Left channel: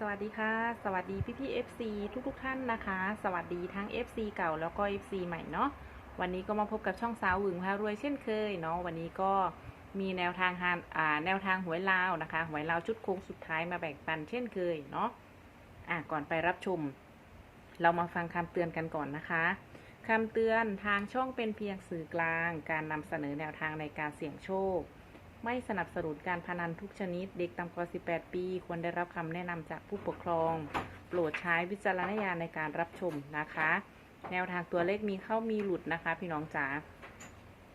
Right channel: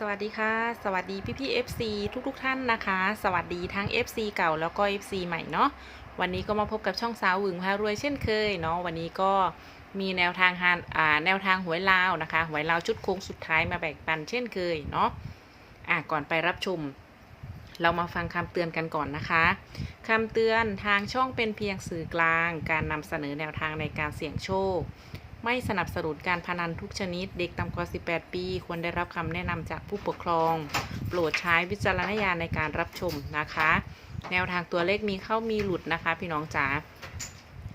สวัสดีค่ะ สวัสดีพี่พี่ FC ทุกทุกๆท่านนะคะ สวัสดีทั้ง FC เก่าแล้วก็ FC ใหม่เนาะวันนี้ก็มาพบกับช่องสาวหวึงพารวยเช่นเคยเนาะวันนี้ก็มีแนวทางฮานอ่าแนวทางหวยลาวนะคะหวยลาวชุดโค้งสุดท้ายมาแบ่งปันเช่นเคยเนาะอะก่อนไปรับชม เรามาฟังคำเตือนกันก่อนนะคะคำเตือนทางช่องเป็นเพียงสื่อกลาง การนำเสนอแนวทางในการเสี่ยงโชค ไม่สนับสนุนการพนันทุกชนิด เด็กต่ำกว่า 18 ปี ควรได้รับคำแนะนำจากผู้ปกครอง โปรดใช้วิจารณญาณในการรับชมนะคะ แนวทางตัวเลขมีเข้ามีหลุดนะคะ พี่น้องจ๋า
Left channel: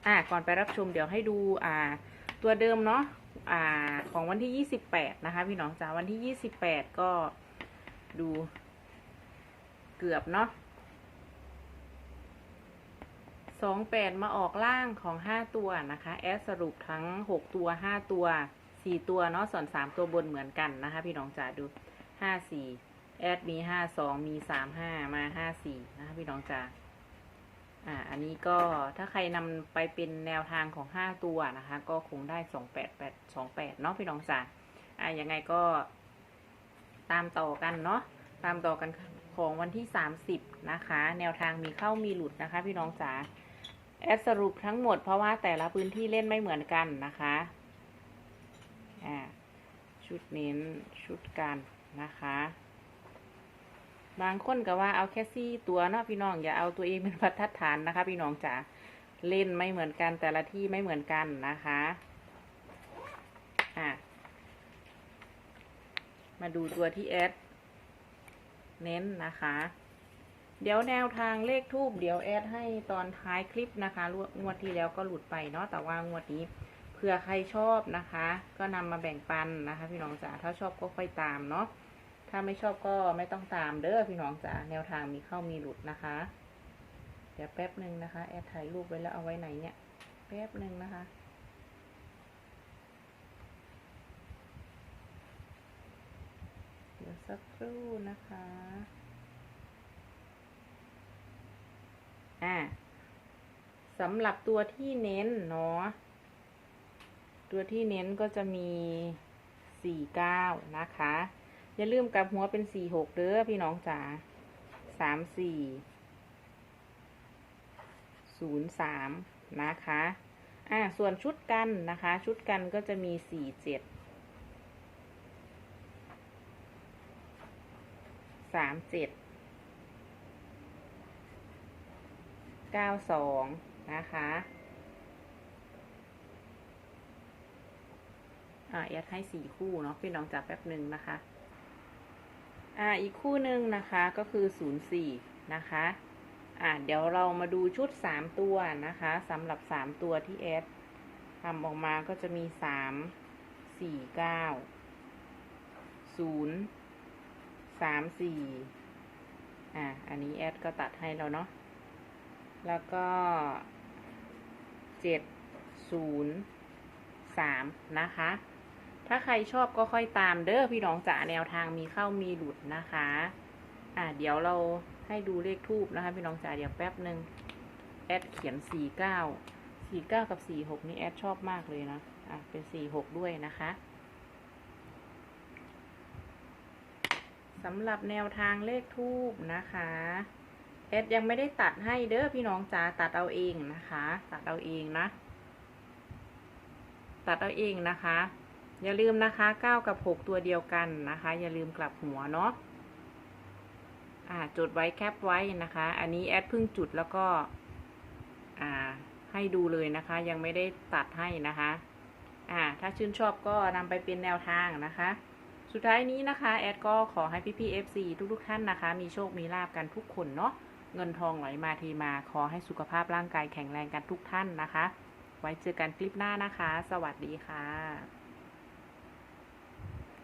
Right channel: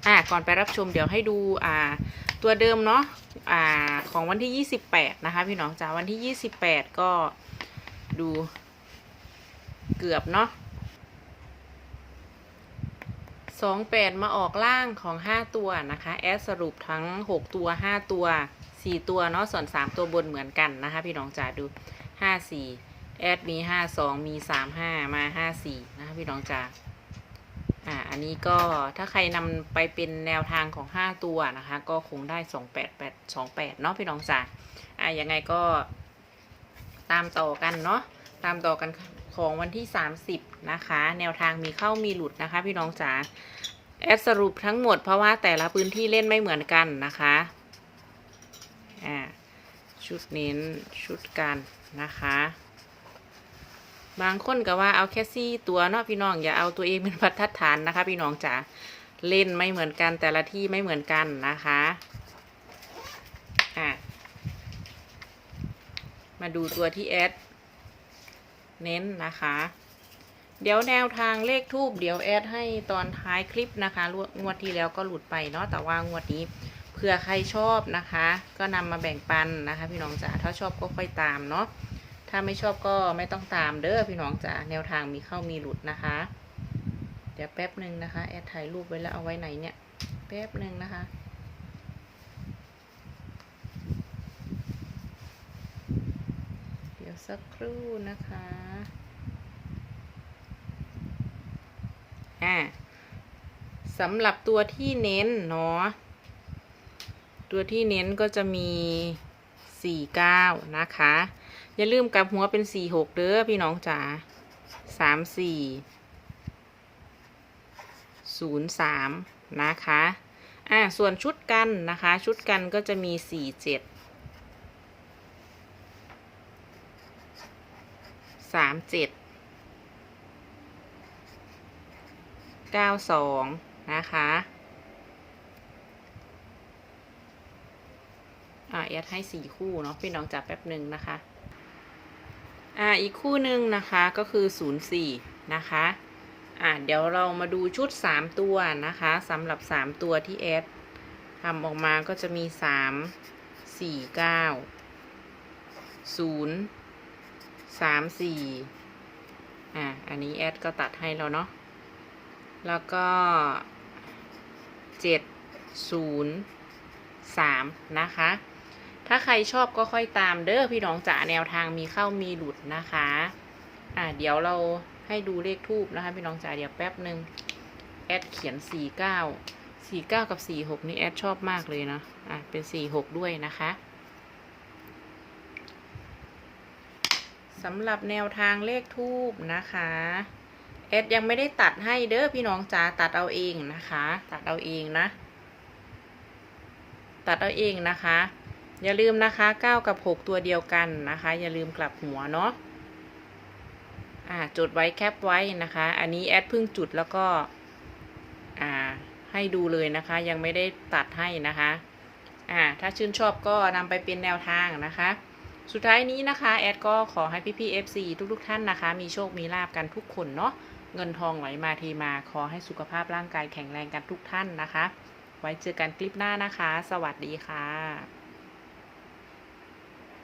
อะก่อนไปรับชมเดี๋ยวให้ดูอ่าตัวเดิมเนาะอ่าของวันที่ 28 นะคะ พี่น้องจ๋าวันที่ 28 ก็ดูเกือบเนาะ สองแปดมาออกล่างของห้าตัวนะคะ แอดสรุปทั้งหกตัวห้าตัวสี่ตัวเนาะส่วนสามตัวบนเหมือนกันนะคะ พี่น้องจ๋าดูห้าสี่แอดมีห้าสองมีสามห้ามาห้าสี่นะคะพี่น้องจ๋าอ่าอันนี้ก็ถ้าใครนำไปเป็นแนวทางของห้าตัวนะคะ ก็คงได้สองแปดแปดสองแปดเนาะพี่น้องจ๋าอ่ายังไงก็ตามต่อกันเนาะตามต่อกัน ของวันที่ 30 นะคะ แนวทางมีเข้ามีหลุดนะคะ พี่น้องจ๋าแอดสรุปทั้งหมดเพราะว่าแต่ละพื้นที่เล่นไม่เหมือนกันนะคะอ่าชุดเน้นชุดกันนะคะ บางคนก็ว่าเอาแค่ซี่ตัวเนาะพี่น้องอย่าเอาตัวเองเป็นบรรทัดฐานนะคะ พี่น้องจ๋าเล่นไม่เหมือนกันแต่ละที่ไม่เหมือนกันนะคะอ่ามาดูตัวที่แอด เน้นนะคะ เดี๋ยวแนวทางเลขทูบเดี๋ยวแอดให้ตอนท้ายคลิปนะคะงวดที่แล้วก็หลุดไปเนาะแต่ว่างวดนี้เผื่อใครชอบนะคะ ก็นำมาแบ่งปันนะคะ พี่น้องจ๋าถ้าชอบก็ค่อยตามเนาะถ้าไม่ชอบก็ไม่ต้องตามเด้อพี่น้องจ๋าแนวทางมีเข้ามีหลุดนะคะ เดี๋ยวแป๊บหนึ่งนะคะแอดถ่ายรูปไว้แล้วเอาไว้ไหนเนี่ยแป๊บหนึ่งนะคะ เดี๋ยว สักครู่นะคะ อ่าสำหรับตัวที่เน้นเนาะ ตัวที่เน้นก็จะมี 49 นะคะ อย่าลืมกลับหัวเป็น 46 เด้อพี่น้องจ๋า34 03 นะคะ อ่า ส่วนชุดกันนะคะ ชุดกันก็จะมี 47 37 92นะคะอ่าแอดให้สี่คู่เนาะพี่น้องจับแป๊บหนึ่งนะคะ อ่าอีกคู่หนึ่งนะคะก็คือ04นย์สี่นะคะอ่าเดี๋ยวเรามาดูชุด3ตัวนะคะสำหรับ3ตัวที่แอดทำออกมาก็จะมี3 4 9 0 3 4อ่าอันนี้แอดก็ตัดให้แล้วเนาะ แล้วก็เจ็ดศูนย์สามนะคะ ถ้าใครชอบก็ค่อยตามเด้อพี่น้องจ๋าแนวทางมีเข้ามีหลุดนะคะ อ่าเดี๋ยวเราให้ดูเลขทูบนะคะ พี่น้องจ๋าเดี๋ยวแป๊บหนึ่งแอดเขียนสี่เก้าสี่เก้ากับสี่หกนี่แอดชอบมากเลยนะ อะเป็นสี่หกด้วยนะคะ สำหรับแนวทางเลขทูบนะคะเอดยังไม่ได้ตัดให้เด้อพี่น้องจ๋าตัดเอาเองนะคะ ตัดเอาเองนะ ตัดเอาเองนะคะ อย่าลืมนะคะ9กับ 6 ตัวเดียวกันนะคะ อย่าลืมกลับหัวเนาะอ่าจดไว้แคปไว้นะคะ อันนี้แอดเพิ่งจุดแล้วก็อ่าให้ดูเลยนะคะ ยังไม่ได้ตัดให้นะคะอ่าถ้าชื่นชอบก็นำไปเป็นแนวทางนะคะ สุดท้ายนี้นะคะแอดก็ขอให้พี่พี่ FC ทุกๆทท่านนะคะ มีโชคมีลาบกันทุกคนเนาะเงินทองไหลมาทีมา ขอให้สุขภาพร่างกายแข็งแรงกันทุกท่านนะคะ ไว้เจอกันคลิปหน้านะคะ สวัสดีค่ะ